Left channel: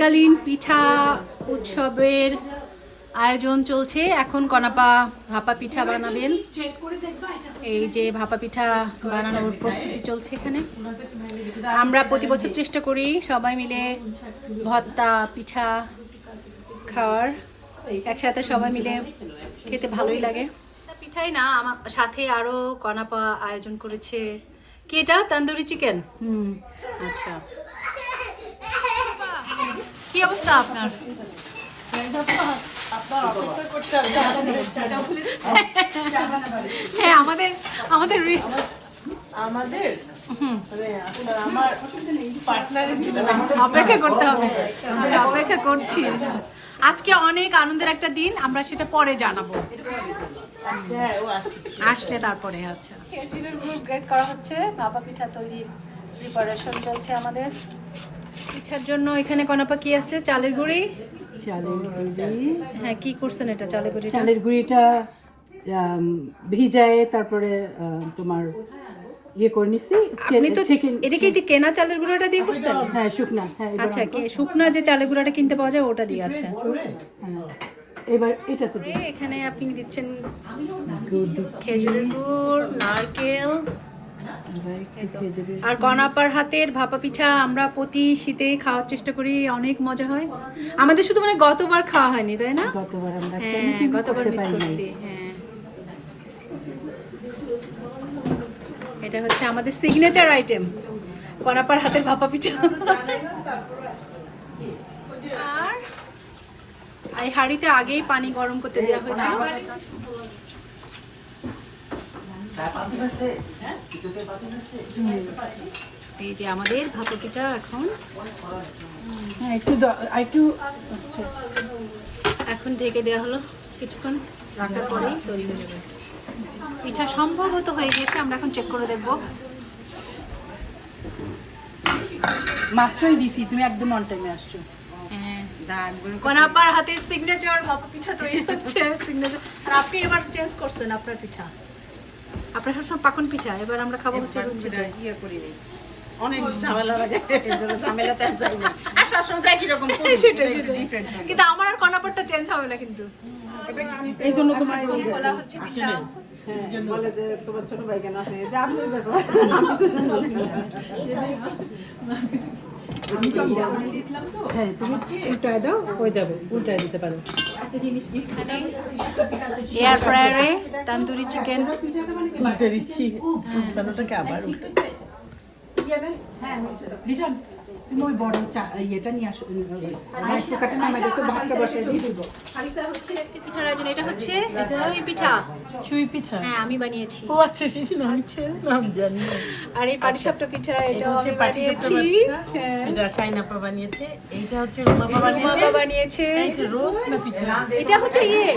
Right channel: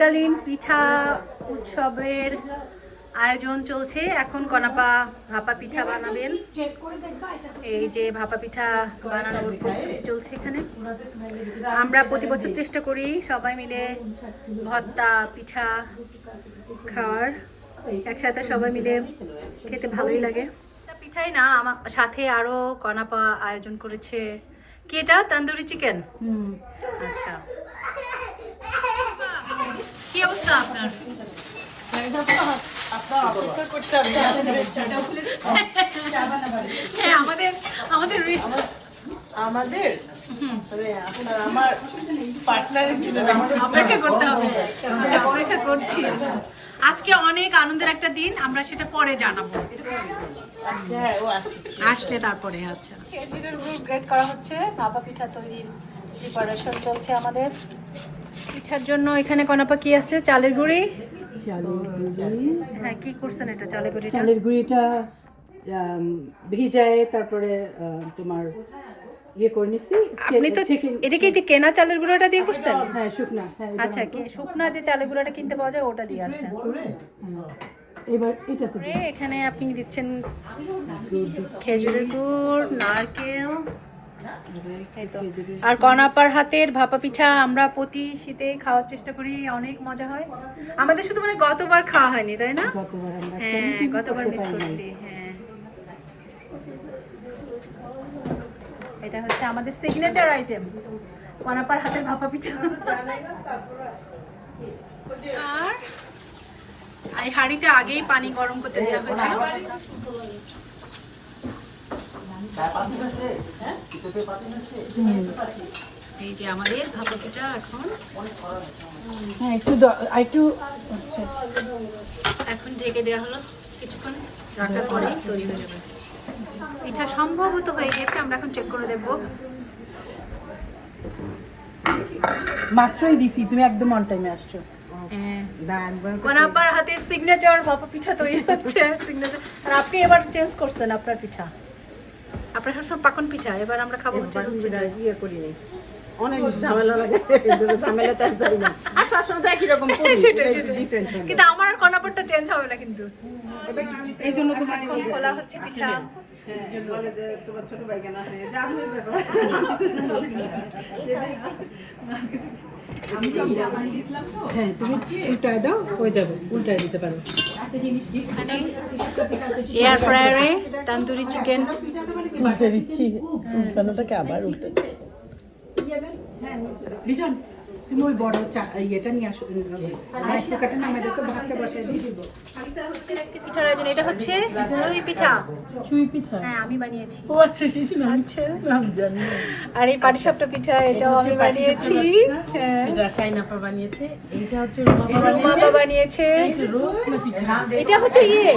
শীতকালীন পিঠা উৎসবের আয়োজন চলছে। এখন কনাপা ভাপা পিঠা বানাবেন। এই যে ভাপা পিঠা বানানোর প্রস্তুতি চলছে এখানে। আমরা প্রতি বছর চেষ্টা করি সবাই মিলে ভত্তা পিঠা খাওয়ার। একসাথে সবাই মিলে খেতে ভালোই লাগে। পিঠাই না আমার সাথে আরও কনাপা আয়োজন করেছে। কি এটা তন্দুরি চিকেন? হুম। আচ্ছা। কি অবস্থা আপনার? হ্যাঁ আমাদের আমাদের আমাদের? মানে আপনার আমার পার্টনারের অপেক্ষা করতে হবে। আমরা অপেক্ষা করছি। আজকে অনেক আনন্দের একটা দিন আমরা সেটা পরে জানাব। আচ্ছা। আসলে তারপরে আচ্ছা। গ্রেড করা হচ্ছে ভাপা পিঠা তৈরির প্রিপারেশন চলছে আমাদের। পিঠার জন্য এখানে কনাপা কি আছে? চালের গুঁড়ি? চালের গুঁড়ি। হ্যাঁ কি করছেন এটা চালের গুঁড়ি চালের গুঁড়িটা ভিজায় তারপরে তোমার ইয়ে করে নিছি আপনি তো এটা কি যে কেনা চালের গুঁড়োটা দিয়ে করছেন? হ্যাঁ শুকনা হ্যাঁ আচ্ছা কি শুকনা যে চালের গুঁড়োটা কিনতে পাওয়া যায় ওটা দিয়ে আছে হ্যাঁ। এবার এটাতে দিই। এখানে আপনি দিচ্ছেন গুড় দিচ্ছি। খেজুরের গুড় নারকেল আর কনাপার হাতের ভাপা পিঠা আমরা প্রতি শীতে খাওয়ার চেষ্টা করি অনেক মজা হয়। আমাদের শুধু মানে গতবার খাওয়া হয়নি তাই না? গতবার আমরা হ্যাঁ গতবার হ্যাঁ। এটা হচ্ছে আমাদের সিগনেচার আইটেম কনাপার হাতের ভাপা পিঠা। আর এই হাঁড়িতে আগেই পানি গরম করতে দেওয়া হয়েছিল। এই যে আমাদের ভাপা পিঠা এখন। হ্যাঁ একটু একটু আচ্ছা এখন ঢেকে দেওয়া হলো। কিছুক্ষণ রাখার পরেই তৈরি হয়ে যাবে। পিঠা সম্ভবত হয়ে গেছে আমরা এখন চেক করে দেখব। মাত্রই দিছি তুমি একদম অন টাইমে আসছো। হ্যাঁ। কোনাপার হাতে সিগনেচার ভাপা পিঠা তৈরি হচ্ছে সিগনেচার আর আপনি এবার চেঞ্জ করছেন আপনার পিঠা। আপনার সবসময় পাকন পিঠা এবার আমরা খাব হচ্ছে দিয়ে। ইয়ে করিনি। অনেক ঝামেলা লাগে এই জন্য ঝামেলাতে আর যাই না। আর সবসময় একই রকম কিন্তু আমার আর কনাপারটা চেঞ্জ হবে না কিন্তু। এই জন্য তোমার এখন খোলা হচ্ছে পিঠা। হ্যাঁ, বলে যে তোমার ছোট ভাই কেন আসে যে আপনি দেখো হ্যাঁ তুমি উল্টায় দাও হয়ে যাবে উল্টায় দিতে পারো। এয়ার ফ্রায়ারে তান্দুরি চিকেন উল্টে দিচ্ছি উল্টানোটাকে আবার উল্টে তুমি ওই বড় চা ইয়েটা নিয়ে আসো পিঠার আয়োজন এটা হচ্ছে পিঠা। চুই পিঠা? হ্যাঁ আমি বানিয়েছি। ও আচ্ছা আমি। নাম জানি আর এই পাটিসাপটা পিঠা এটাও হচ্ছে আমি বানিয়েছি। হ্যাঁ। যেটা বানিয়েছে। এইটা হচ্ছে রুমাপা বানিয়েছে। বানিয়েছে। রোজ না পিঠা? এটা হচ্ছে ইয়ে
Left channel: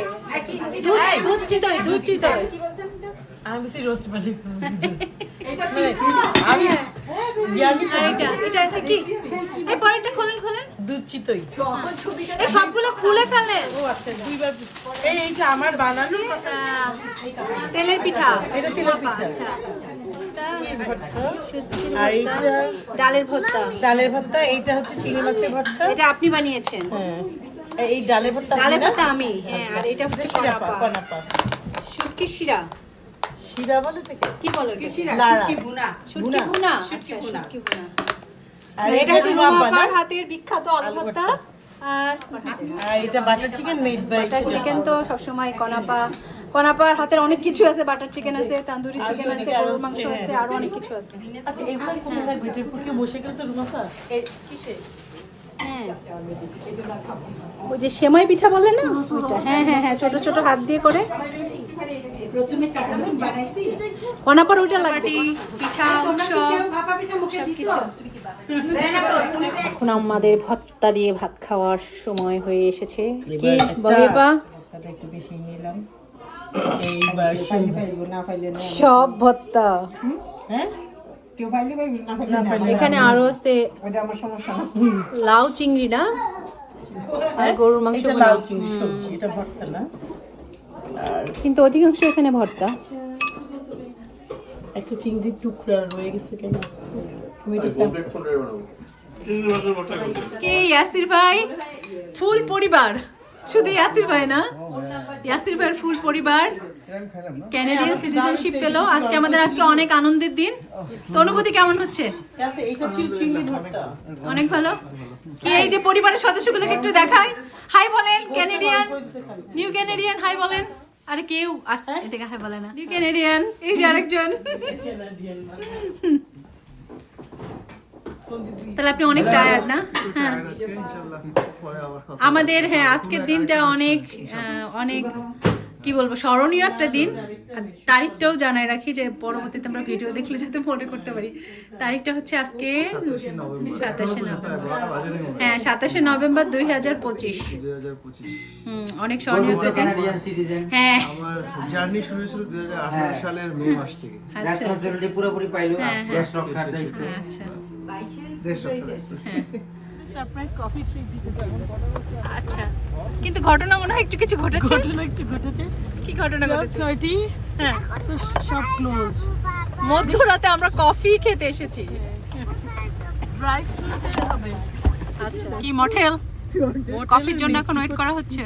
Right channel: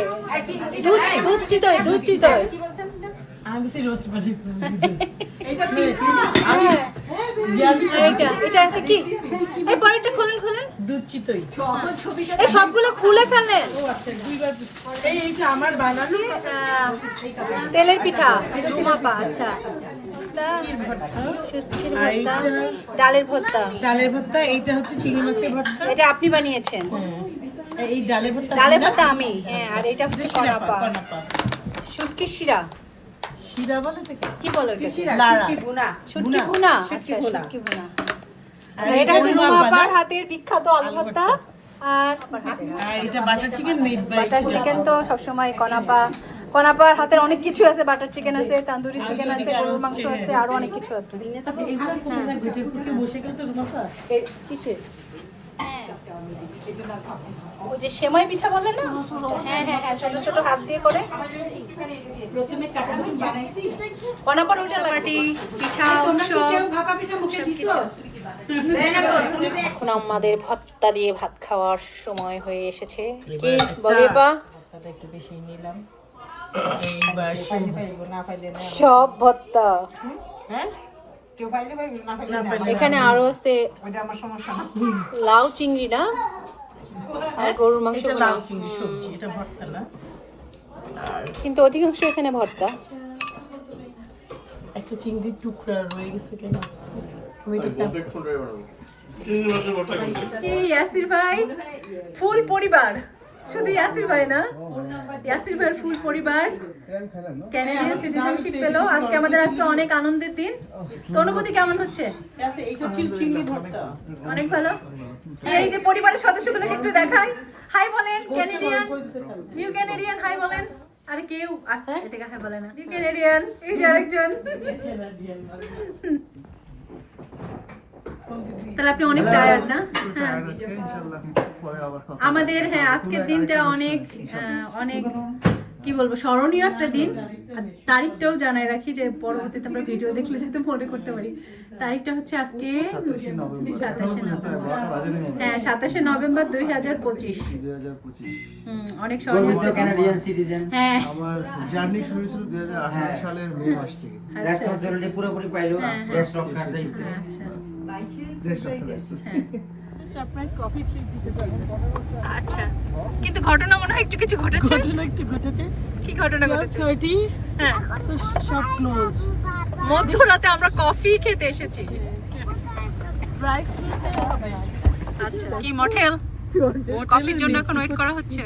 দুধ দুধ চিতই দুধ চিতই। আমি বেশি রোস্ট বানিয়েছি। মানে আমি আর এটা এটা হচ্ছে কি? এই পরেরটা খোলেন খোলেন। এই সবগুলো খুলে ফেলেন। ও আচ্ছা দুইবার এই এইটা আমার বানানো তেলের পিঠা রুমাপা আচ্ছা। ডালের ভর্তা। ডালের ভর্তা? এইটা হচ্ছে চিংড়ি মাছের ভর্তা? এটা আপনি বানিয়েছেন। হ্যাঁ। এই ডালের ভর্তা ডালের ভর্তা আমি হ্যাঁ আর এটা হচ্ছে কনাপা। শুটকি শিরা। শিরা বলে কি? বলো এটাকে? লাড়া। শুটকি ভুনা। আচ্ছা শুটকি ভুনা। আর এটা হচ্ছে না? হাতের বিখ্যাত আলু ভর্তা আর আর এটা butter chicken made butter chicken তো সবসময় কনাপা কনাপার হাতের অনেক কিছু আছে বাটার চিকেন আছে তান্দুরি চিকেন আছে গরুর মাংস আছে আরও অনেক কিছু আছে। আচ্ছা কিসে? ওই যে সেমাই পিঠা বলে না? হ্যাঁ হ্যাঁ হ্যাঁ ছোট ছোট হাত দিয়ে করে। প্রথমে কনাপার ওইটা পার্টি পিঠা উৎসব। ভাপা পিঠা মুখে দিছো? এখন আমাদের ভত্তা দিয়ে ভাত খাওয়ার সময় হয়ে এসেছে। এবার একটা ভর্তাটা একটু বেশি নিলাম এইবার শিম- না পাইলে না সব ভত্তা। হ্যাঁ? কেউ পাইলে পাইবে না পাইলে না না পাইলে এখানে। আরও আছে ওটা আমার সমস্যা না লাউ চিংড়ি না? হ্যাঁ? এটা লাউ চিংড়ি সবজি এটা ভর্তা না। আর কিন্তু অধিকাংশ এখানে ভর্তা। একটা চিংড়ির টুকরা রয়ে গেছে কেন? তুমি এটা কি ইয়াসির ভাই? ফুল পরিবার। শুধু ইয়াসির ভাই না? ইয়াসির ভাইয়ের ফুল পরিবার। ক্যানাডিয়ান সিটিজেনশিপ পেল। আজকে আমাদের আজকে অনেক আনন্দের দিন। তো অনুভূতি কেমন হচ্ছে? অনেক ভালো। কি এই যে পরিবারের সদস্যগুলোকে একটু দেখাই? হাই বলেন ক্যানাডিয়ান নিউ ক্যানাডিয়ান হাই বলেন। আরে কেউ আসতে এদিকে হাই বলে না নিউ ক্যানাডিয়ান এই যে আরেকজন তাহলে আপনি অনেক টায়ার্ড না হ্যাঁ আমাদের হ্যাঁ আজকের দিনটা অনেক আহ, অনেক কি বলব স্মরণীয় একটা দিন। তারিখটাও জানাই রাখি যে পরবর্তীতে আমরা ভিডিও দেখলে যাতে মনে করতে পারি। তারিখটা হচ্ছে আজকে সাতাশে নভেম্বর। হ্যাঁ সাতাশে নভেম্বর দুই হাজার পঁচিশ। অনেক স্মরণীয় হ্যাঁ। আমার জার্নি শুরু হয়েছিল দুই হাজার আঠারো সালের মে মাস থেকে। আচ্ছা। পুরোপুরি পাইলো। হ্যাঁ, হ্যাঁ। দেশ রক্ষার দায়িত্ব। আচ্ছা দেশ রক্ষা দায়িত্ব। আচ্ছা কিন্তু ঘটনা মনে হয় একটু কিছু ঘটেছে? ঘটনা একটু ঘটেছে। কি ঘটনা ঘটেছে? ছয়টি হ্যাঁ। সব ক্লোজ মধ্যরাতে আমরা কফি খেতে এসেছি। ড্রাই হবে। আচ্ছা কি মঠেল কফির জন্য এখন ওয়েট করা হচ্ছে?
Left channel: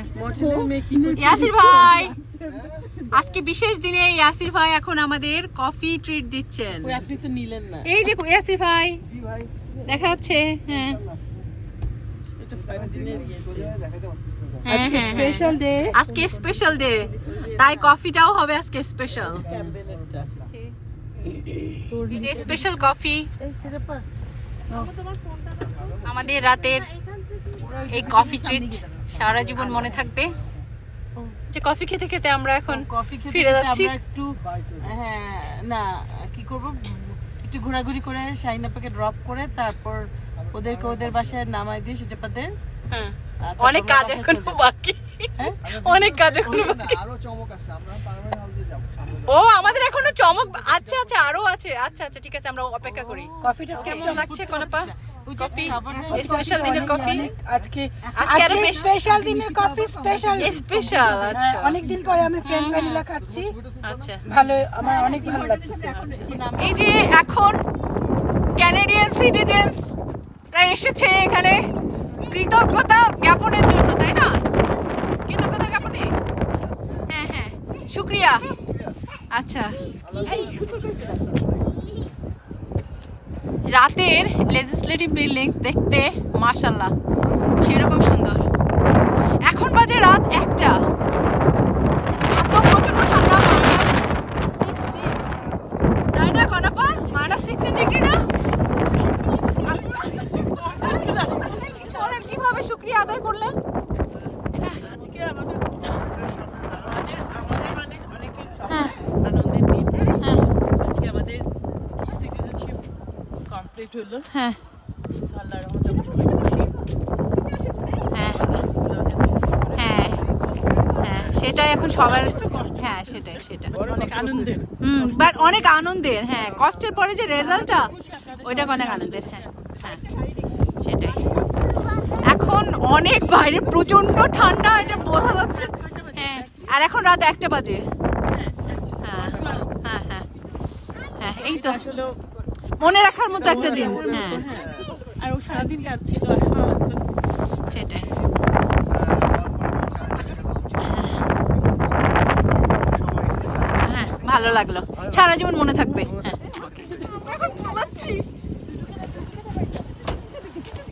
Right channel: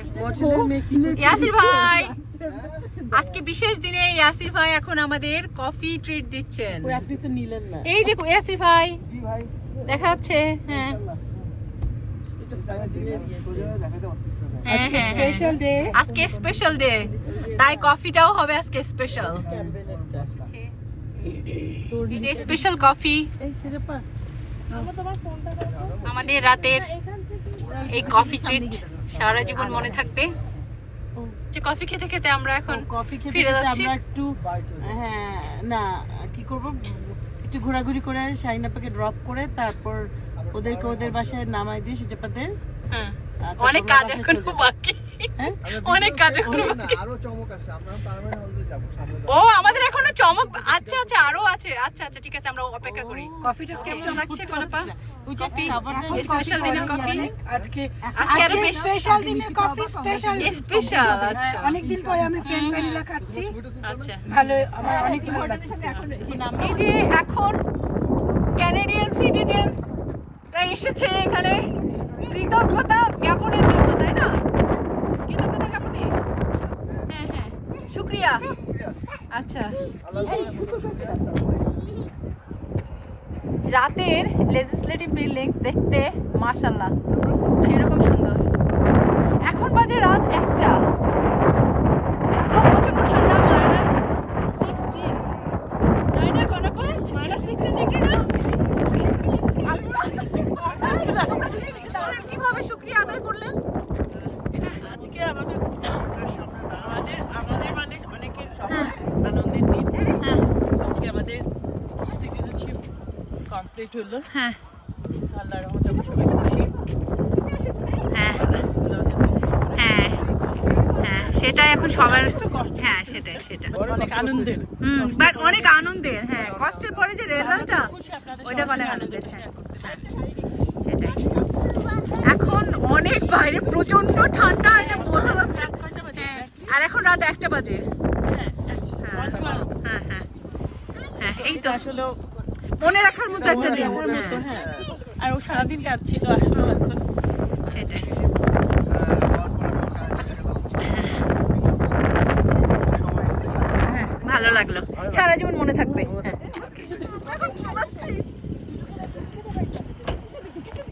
ইয়াসির ভাই! আজকে বিশেষ দিনে ইয়াসির ভাই এখন আমাদের কফি ট্রিট দিচ্ছেন। আপনি তো নিলেন না। এই যে ইয়াসির ভাই। দেখা যাচ্ছে হ্যাঁ এটা পরের দিনের ইয়ে। হ্যাঁ হ্যাঁ স্পেশাল ডে আজকে স্পেশাল ডে তাই কফিটাও হবে আজকে স্পেশাল স্পেশাল কফি আমাদের রাতের এই কফি ট্রিট সারা জীবন মনে থাকবে। যে কফি খেতে খেতে আমরা এখন কফি খেতে খেতে আমরা একটু হ্যাঁ না কি করব? একটু ঘোরাঘুরি করে শাইনাপাকে ড্রপ করে তারপর ওদেরকে ওদের বাসায় নামাই দিয়ে সুজাপাদের হ্যাঁ। অনেক কাজ এখন বাকি। হ্যাঁ? অনেক কাজ এখন বাকি। আরও চমক আছে আমরা পার্মানেন্ট হাউসে যাব সামনে ও আমাদের এখনও চমক আচ্ছা আচ্ছা আরও আছে। আচ্ছা আচ্ছা ঠিক আছে আমরা অপেক্ষা করি। কফিটা কেমন লাগছে কোনপা স্পেশাল দিনের কফি আজকে আজকে আরও বেশ। স্পেশাল দিনের কফি স্পেশাল স্পেশাল আচ্ছা। অনেকদিন পরে আমি ফ্রেঞ্চ ভ্যানিলা খাচ্ছি। আচ্ছা। ভালো আমার অনেক ভালো লাগছে এই যে এখন ক্যানাডিয়ান সিটিজেন্স এসেছে এখানে কৃতজ্ঞতা জ্ঞাপনের জন্য, তাই না? কৃতজ্ঞতা জ্ঞাপনে? হ্যাঁ হ্যাঁ। শুক্রিয়া আচ্ছা। রাতের লেজিসলেটিভ বিল্ডিংস দেখতে মাশাল্লাহ সেরকম সুন্দর। এখন বাজে রাত একটা এত প্রচণ্ড ঠান্ডা মাইনাস সিক্সটিন তাই না কনাপা মাইনাস সিক্সটিন ডিগ্রি না কীভাবে শুক্রিয়া আদায় করলেন আজকে আমাদের আমাদের আমাদের মানে অনেকের সবার আনন্দের দিন হ্যাঁ আজকে আমাদের সিটিজেনশিপ কমপ্লিট হলো। হ্যাঁ। আল্লাহর রহমতে আমরা সবাই খুশি। হ্যাঁ। হ্যাঁ হ্যাঁ। সেটাই এখন সবার একটু কষ্ট হ্যাঁ সেটাই সেটা অনেক আনন্দের। হুম বাট অনেক আনন্দের হ্যাঁ। কষ্টের পরে যে রেজাল্টটা ওইটা অনেক আনন্দের হ্যাঁ। সেটাই। এখন অনেক বাইরে প্রচণ্ড ঠান্ডা এটা বোঝা যাচ্ছে? হ্যাঁ, আর এখন রাত একটা বাজে। হ্যাঁ, হ্যাঁ হ্যাঁ হ্যাঁ। হ্যাঁ এই তো আসলে মনে রাখার মতো একটা দিন। হ্যাঁ। হ্যাঁ। আর ও সারাদিন কাঁদছিল আসলো এখন সেটাই। হ্যাঁ ভালো লাগল। সারা জীবন মনে থাকবে।